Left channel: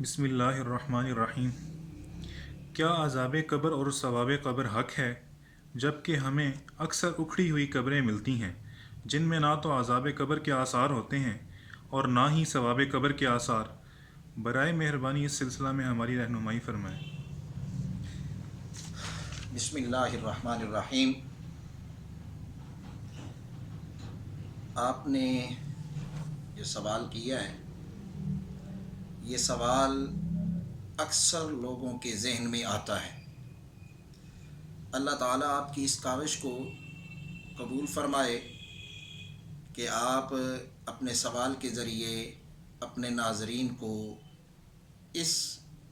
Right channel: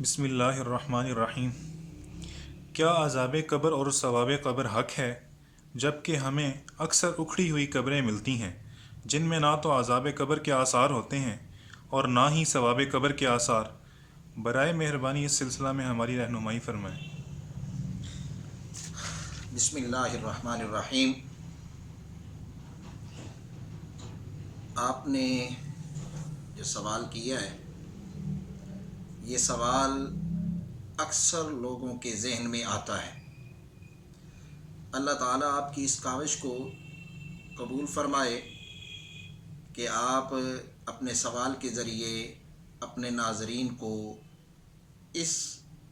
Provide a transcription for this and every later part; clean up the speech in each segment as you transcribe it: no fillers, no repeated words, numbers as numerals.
بسم اللہ الرحمن الرحیم۔ کیا عذاب قبر اور ثواب قبر حق ہے، جب کہ ہمیں اکثر اکھڑی ہوئی قبریں ملتی ہیں جن میں نہ تو عذاب قبر کے آثار ہوتے ہیں اور نہ ہی ثواب قبر کے آثار؟ برائے مہربانی اس سلسلہ میں ہماری رہنمائی فرمائیں۔ بسم اللہ الرحمن الرحیم۔ آپ نے جو سوال کیا ہے، یہ سوال اکثر لوگوں کے ذہن میں آتا ہے۔ اللہ تعالیٰ آپ کی اس کاوش کو قبول فرمائے کہ آپ اپنے سوال کے ذریعے اپنے ناظرین کو اس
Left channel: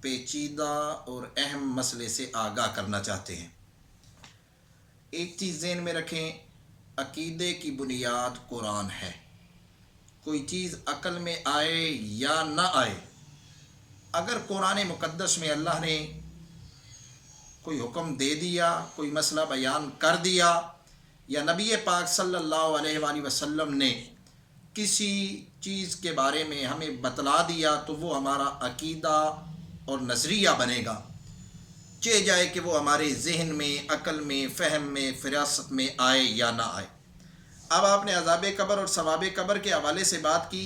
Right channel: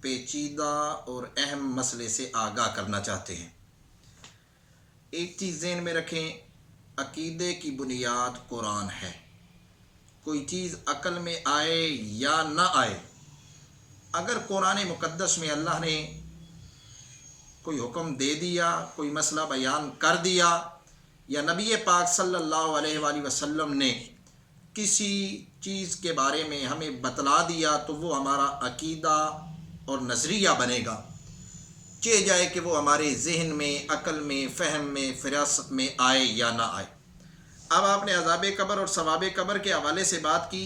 پیچیدہ اور اہم مسئلے سے آگاہ کرنا چاہتے ہیں۔ ایک چیز ذہن میں رکھیں، عقیدے کی بنیاد قرآن ہے۔ کوئی چیز عقل میں آئے یا نہ آئے، اگر قرآن مقدس میں اللہ نے کوئی حکم دے دیا، کوئی مسئلہ بیان کر دیا، یا نبی پاک صلی اللہ علیہ وآلہ وسلم نے کسی چیز کے بارے میں ہمیں بتلا دیا، تو وہ ہمارا عقیدہ اور نظریہ بنے گا، چاہے جائے کہ وہ ہمارے ذہن میں، عقل میں، فہم میں، فراست میں آئے یا نہ آئے۔ اب آپ نے عذاب قبر اور ثواب قبر کے حوالے سے بات کی۔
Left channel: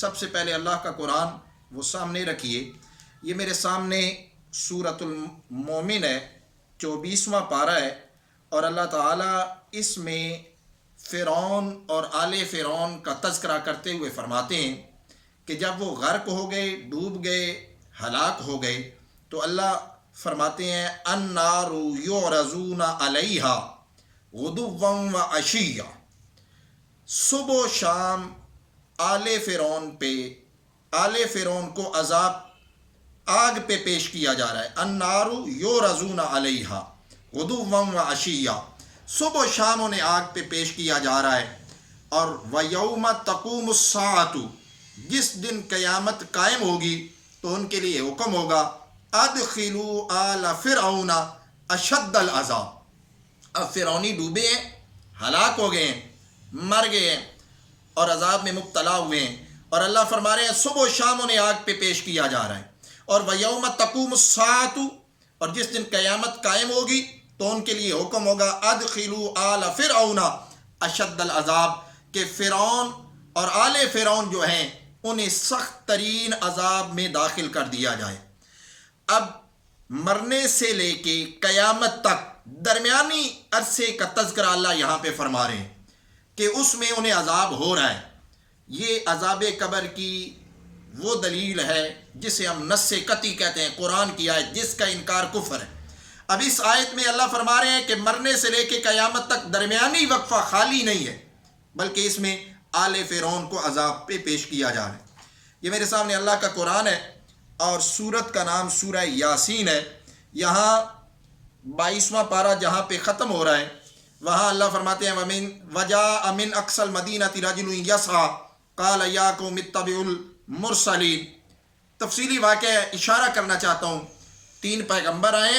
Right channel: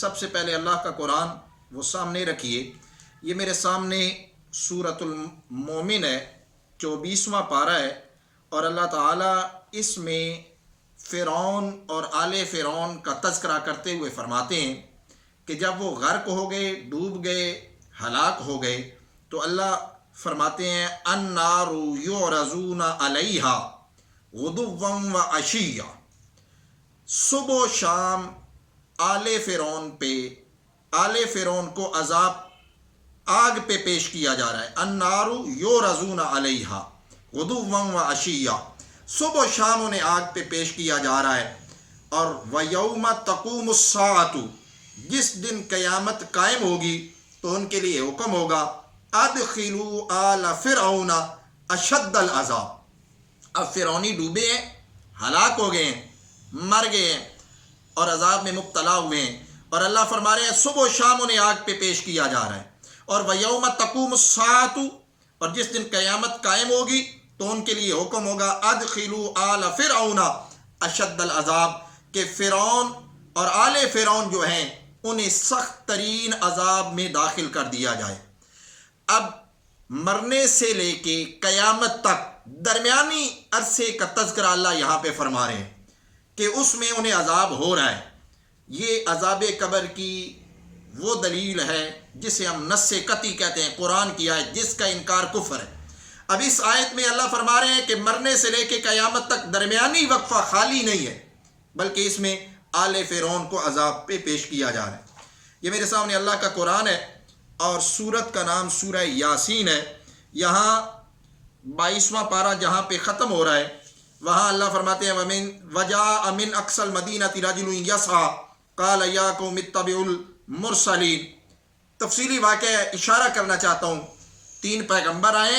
سب سے پہلے اللہ کا قرآن وہ سامنے رکھیے۔ یہ میرے سامنے سورۃ المومن ہے، 24واں پارہ ہے، اور اللہ تعالیٰ اس میں فرعون اور آل فرعون کا تذکرہ کرتے ہوئے فرماتے ہیں کہ جب وہ غرق ہو گئے، ڈوب گئے، ہلاک ہو گئے، تو اللہ فرماتے ہیں النار یعرضون علیہا غدوا وعشیا، صبح و شام آل فرعون کو عذاب آگ پہ پیش کیا جا رہا ہے۔ النار یعرضون علیہا غدوا وعشیا، صبح و شام انہیں آگ پہ پیش کیا جا رہا ہے۔ اور وَيَوْمَ تَقُومُ السَّاعَةُ، جس دن قیامت قائم ہوگی تو ان کے لیے حکم ہوگا ادخلوا آل فرعون اشد العذاب۔ اب فرعونی ڈوبے ہیں، ہلاک ہو گئے ہیں، مر گئے ہیں اور عذاب میں مبتلا ہوئے ہیں، اور اللہ فرما رہے ہیں صبح و شام انہیں آگ پہ پیش کیا جا رہا ہے۔ اور وَيَوْمَ تَقُومُ السَّاعَةُ، اور جس دن قیامت قائم ہوگی تو ان کے لیے حکم ہوگا ادخلوا آل فرعون اشد العذاب، کہ فرعون اور آل فرعون جو ہیں انہیں سخت ترین عذاب میں داخل کر دیا جائے۔ اب مرنے سے لے کے قیامت تک درمیانی عرصے کا تذکرہ اللہ یہاں پہ فرما رہے ہیں کہ اس میں انہیں عذاب ہو رہا ہے۔ یہ عذاب قبر کی وہ دلیل ہے جسے ہم نص قطعی کہتے ہیں، قرآن کی آیت جس کا انکار کفر ہے۔ اب اس آیت میں اللہ فرما رہے ہیں کہ مرنے سے لے کے قیامت تک درمیانی وقفہ خالی نہیں ہے، بلکہ اس میں آل فرعون کو عذاب پہ پیش کیا جا رہا ہے۔ یہ میرے سامنے اللہ کا قرآن ہے، اور سورت کا نام سورہ یاسین ہے۔ یہاں 22واں پارہ جہاں پہ ختم ہو رہا ہے، وہاں اللہ فرماتے ہیں وَجَاءَ مِنْ أَقْصَى الْمَدِينَةِ رَجُلٌ يَسْعَىٰ قَالَ يَا قَوْمِ اتَّبِعُوا الْمُرْسَلِينَ۔ تفصیلی واقعہ اشارہ کرنا چاہتا ہوں، 3 پیغمبر آئے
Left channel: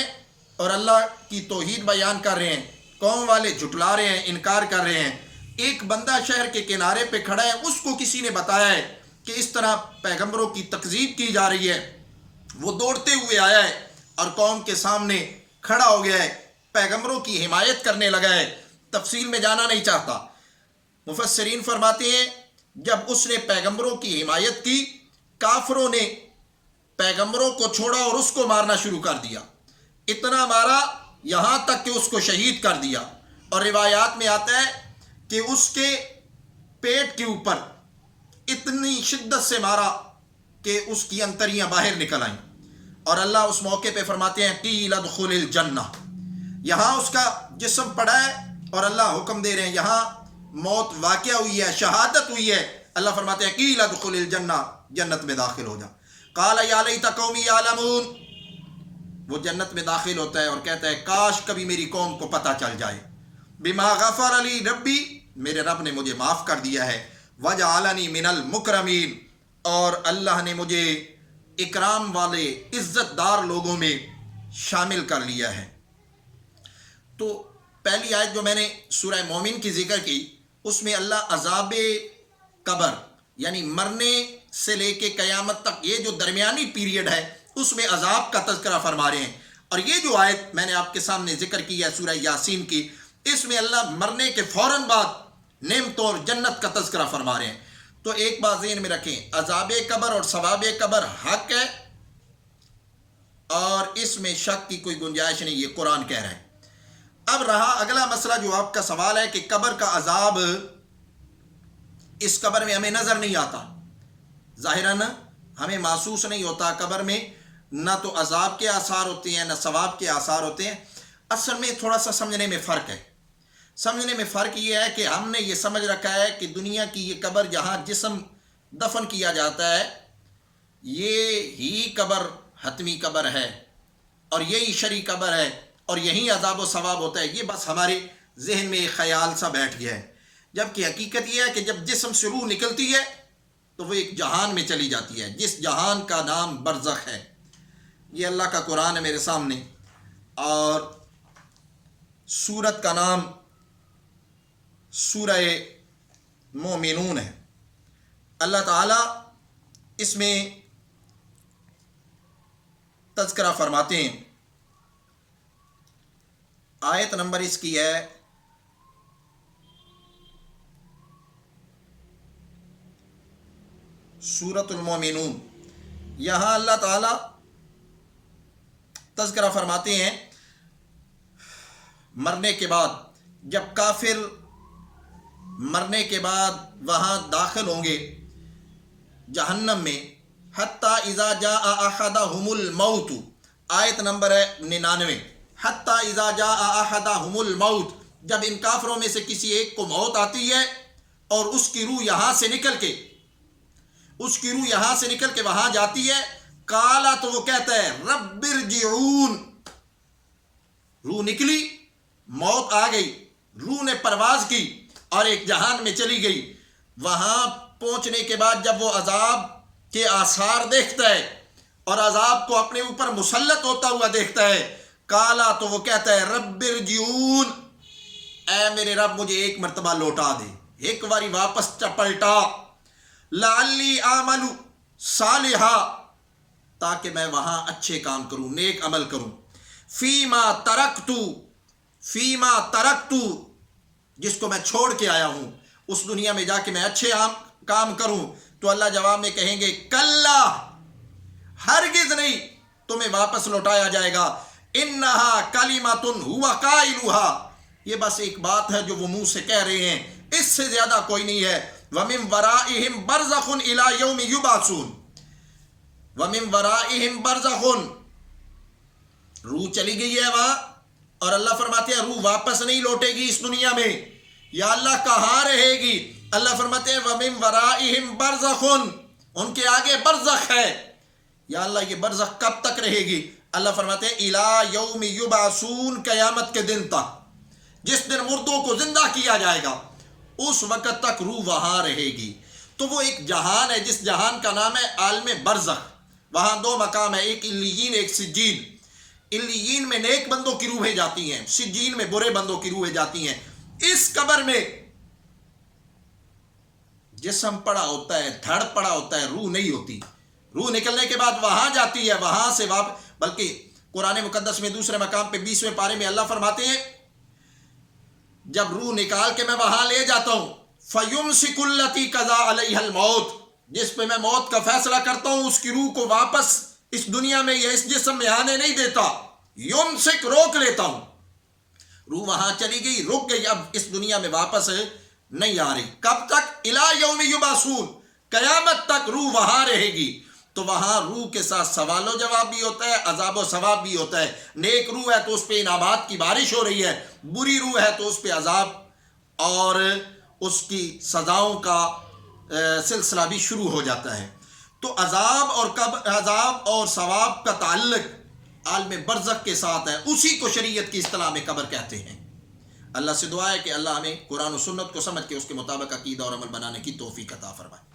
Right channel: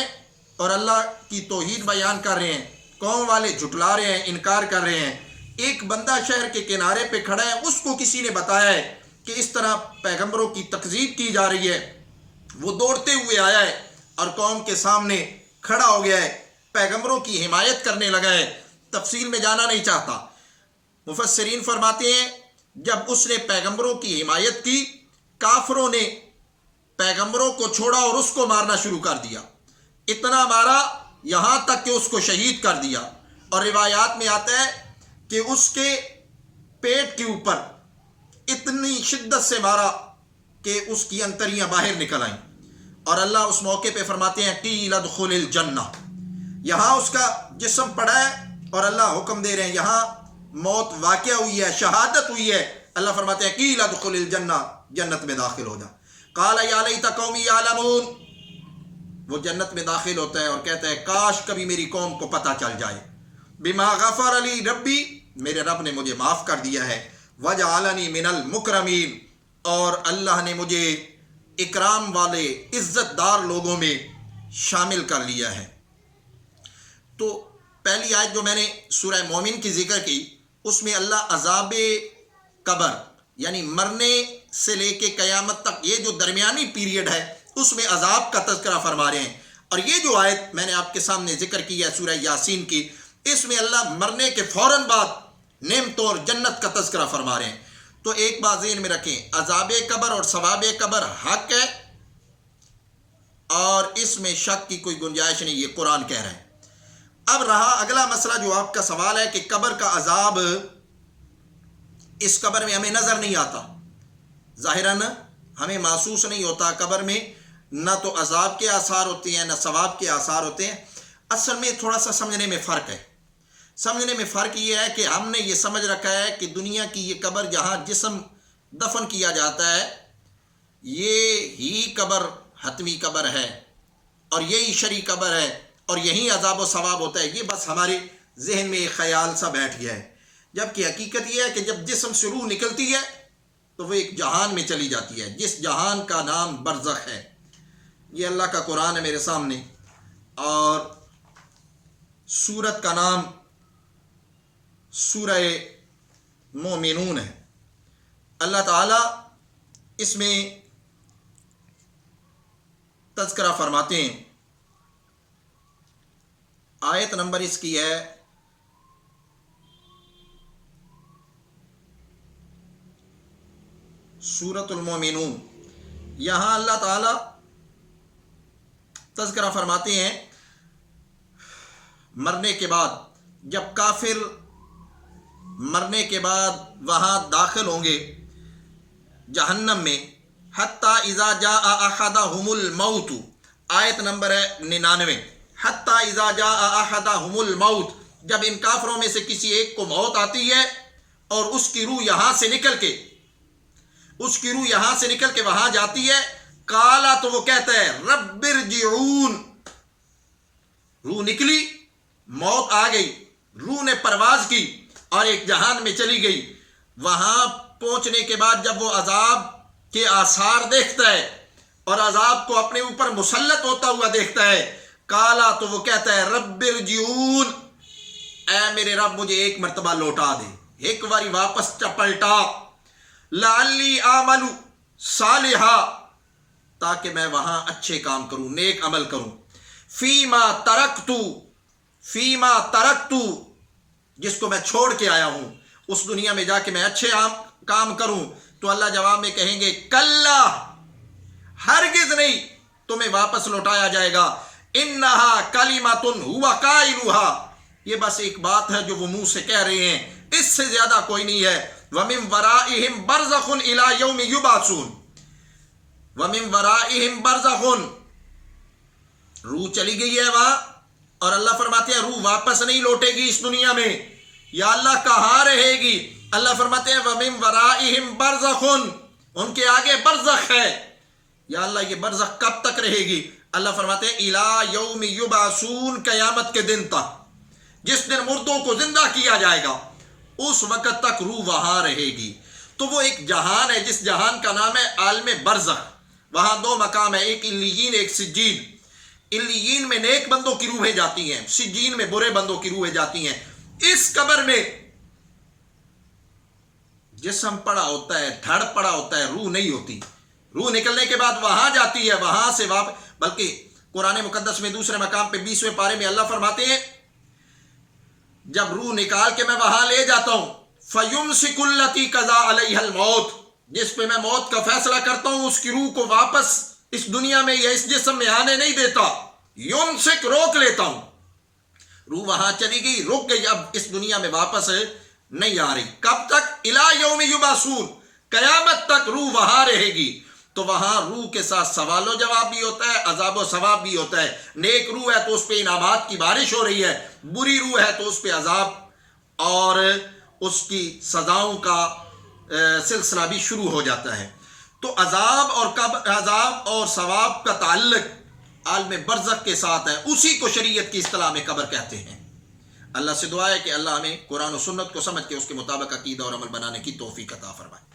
اور اللہ کی توحید بیان کر رہے ہیں، قوم والے جھٹلا رہے ہیں، انکار کر رہے ہیں۔ ایک بندہ شہر کے کنارے پہ کھڑا ہے، اس کو کسی نے بتایا ہے کہ اس طرح پیغمبروں کی تکذیب کی جا رہی ہے۔ وہ دوڑتے ہوئے آیا ہے اور قوم کے سامنے کھڑا ہو گیا ہے، پیغمبروں کی حمایت کرنے لگا ہے۔ تفصیل میں جانا نہیں چاہتا۔ مفسرین فرماتے ہیں جب اس نے پیغمبروں کی حمایت کی، کافروں نے پیغمبروں کو چھوڑا اور اس کو مارنا شروع کر دیا۔ اتنا مارا یہاں تک کہ اس کو شہید کر دیا، اور روایات میں آتا ہے کہ اس کے پیٹ کے اوپر اتنی شدت سے مارا کہ اس کی انتریاں باہر نکل آئیں۔ اور اللہ اس موقع پہ فرماتے ہیں قیل ادخل الجنہ، یہاں اس کا جسم پڑا ہے اور اللہ حکم دے رہے ہیں، یہاں موت واقع ہوئی ہے، شہادت ہوئی ہے۔ اللہ فرماتے ہیں قیل ادخل الجنہ، جنت میں داخل ہو جا۔ قال یا لیت قومی یعلمون، وہ جنت میں داخل ہوتا ہے اور کہتا ہے کاش کبھی میری قوم کو پتہ چل جائے۔ بما غفر لی ربی، میرے رب نے مجھے معاف کر دیا ہے۔ وجعلنی من المکرمین، اور اللہ نے مجھے اکرام والے عزت دار لوگوں میں شامل کر لیا ہے۔ تو پہلی آیت جو میں نے سورہ مومن کی ذکر کی، اس میں اللہ عذاب قبر یعنی مرنے سے لے کے قیامت تک یہ جو درمیانی پیریڈ ہے اس میں عذاب کا تذکرہ فرما رہے ہیں. اور یہ جو آیت میں نے آپ کے سامنے ذکر کی ہے سورہ یاسین کی، اس میں اللہ مرنے کے فوراً بعد نعمتوں اور جنت کا تذکرہ فرما رہے ہیں. تو ایک بات ذہن میں رکھیں، عذاب قبر اور ثواب قبر حق ہے اور اس میں شک کی کوئی گنجائش نہیں، یہ قرآن کہہ رہا ہے. اب رہا اگلا مسئلہ جو آپ کا سوال ہے کہ قبر کا عذاب اس قبر میں ہمیں نظر نہیں آتا، ظاہراً ہمیں محسوس نہیں ہوتا. قبر میں نہ تو عذاب کے آثار ہوتے ہیں نہ ثواب کے آثار ہوتے ہیں. اصل میں تھوڑا سا سمجھنے میں فرق ہے. سمجھنے میں فرق یہ ہے کہ ہم نے یہ سمجھ رکھا ہے کہ دنیا کی یہ قبر جہاں جسم دفن کیا جاتا ہے یہ ہی قبر حتمی قبر ہے اور یہی شرعی قبر ہے اور یہی عذاب و ثواب ہوتا ہے. یہ بس ہمارے ذہن میں ایک خیال سا بیٹھ گیا ہے، جبکہ حقیقت یہ ہے کہ جب جسم سے روح نکلتی ہے تو وہ ایک جہان میں چلی جاتی ہے جس جہان کا نام برزخ ہے. یہ اللہ کا قرآن ہے میرے سامنے اور سورت کا نام سورہ مومنون ہے. اللہ تعالیٰ اس میں تذکرہ فرماتے ہیں. آیت نمبر اس کی ہے سورۃ المومنون. یہاں اللہ تعالیٰ تذکرہ فرماتے ہیں مرنے کے بعد، جب کافر مرنے کے بعد وہاں داخل ہوں گے جہنم میں، حتیٰ اذا جاء احدہم الموت، آیت نمبر ہے 99، حتیٰ اذا جاء احدہم الموت، جب ان کافروں میں سے کسی ایک کو موت آتی ہے اور اس کی روح یہاں سے نکل کے وہاں جاتی ہے، قالا تو وہ کہتا ہے رب ارجعون، روح نکلی، موت آ گئی، روح نے پرواز کی اور ایک جہان میں چلی گئی. وہاں پہنچنے کے بعد جب وہ عذاب کے آثار دیکھتا ہے اور عذاب کو اپنے اوپر مسلط ہوتا ہوا دیکھتا ہے، قالا تو وہ کہتا ہے رب ارجعون، اے میرے رب مجھے ایک مرتبہ لوٹا دے، ایک باری واپس پلٹا، لعلی اعمل صالحا، تاکہ میں وہاں اچھے کام کروں، نیک عمل کروں، فیما ترکتو، جس کو میں چھوڑ کے آیا ہوں، اس دنیا میں جا کے میں اچھے کام کروں. تو اللہ جواب میں کہیں گے کلا، ہرگز نہیں تمہیں واپس لوٹایا جائے گا، انہا کلمۃ ہوا قائلھا، یہ بس ایک بات ہے جو وہ منہ سے کہہ رہے ہیں، اس سے زیادہ کوئی نہیں ہے. وَمِن وَرَائِهِمْ بَرْزَخٌ إِلَىٰ يَوْمِ يُبْعَثُونَ، وَمِن وَرَائِهِمْ بَرْزَخٌ، روح چلی گئی ہے وہاں اور اللہ فرماتے ہیں روح واپس نہیں لوٹے گی اس دنیا میں. یا اللہ کہاں رہے گی؟ اللہ فرماتے ہیں وَمِن وَرَائِهِمْ بَرْزَخٌ، ان کے آگے برزخ ہے. یا اللہ یہ برزخ کب تک رہے گی؟ اللہ فرماتے ہیں إِلَىٰ يَوْمِ يُبْعَثُونَ، قیامت کے دن تک، جس دن مردوں کو زندہ کیا جائے گا اس وقت تک روح وہاں رہے گی. تو وہ ایک جہان ہے جس جہان کا نام ہے عالم برزخ. وہاں دو مقام ہیں، ایک علیین ایک سجین. علیین میں نیک بندوں کی روحیں جاتی ہیں، سجین میں برے بندوں کی روحیں جاتی ہیں. اس قبر میں جسم پڑا ہوتا ہے، دھڑ پڑا ہوتا ہے، روح نہیں ہوتی. روح نکلنے کے بعد وہاں جاتی ہے، وہاں سے واپس. بلکہ قرآن مقدس میں دوسرے مقام پہ 20ویں پارے میں اللہ فرماتے ہیں جب روح نکال کے میں وہاں لے جاتا ہوں، فَيُمْسِكُ الَّتِي قَضَىٰ عَلَيْهَا الْمَوْتِ، جس پہ میں موت کا فیصلہ کرتا ہوں اس کی روح کو واپس اس دنیا میں یا اس جسم میں آنے نہیں دیتا. یمسک، روک لیتا ہوں. روح وہاں چلی گئی، رک گئی، اب اس دنیا میں واپس نہیں آ رہی. کب تک؟ الی یوم یبعثون، قیامت تک روح وہاں رہے گی. تو وہاں روح کے ساتھ سوال و جواب بھی ہوتا ہے، عذاب و ثواب بھی ہوتا ہے. نیک روح ہے تو اس پہ انعامات کی بارش ہو رہی ہے، بری روح ہے تو اس پہ عذاب اور اس کی سزاؤں کا سلسلہ بھی شروع ہو جاتا ہے. تو عذاب اور ثواب کا تعلق عالم برزخ کے ساتھ ہے، اسی کو شریعت کی اصطلاح میں قبر کہتے ہیں. اللہ سے دعا ہے کہ اللہ ہمیں قرآن و سنت کو سمجھ کے اس کے مطابق عقیدہ اور عمل بنانے کی توفیق عطا فرمائے.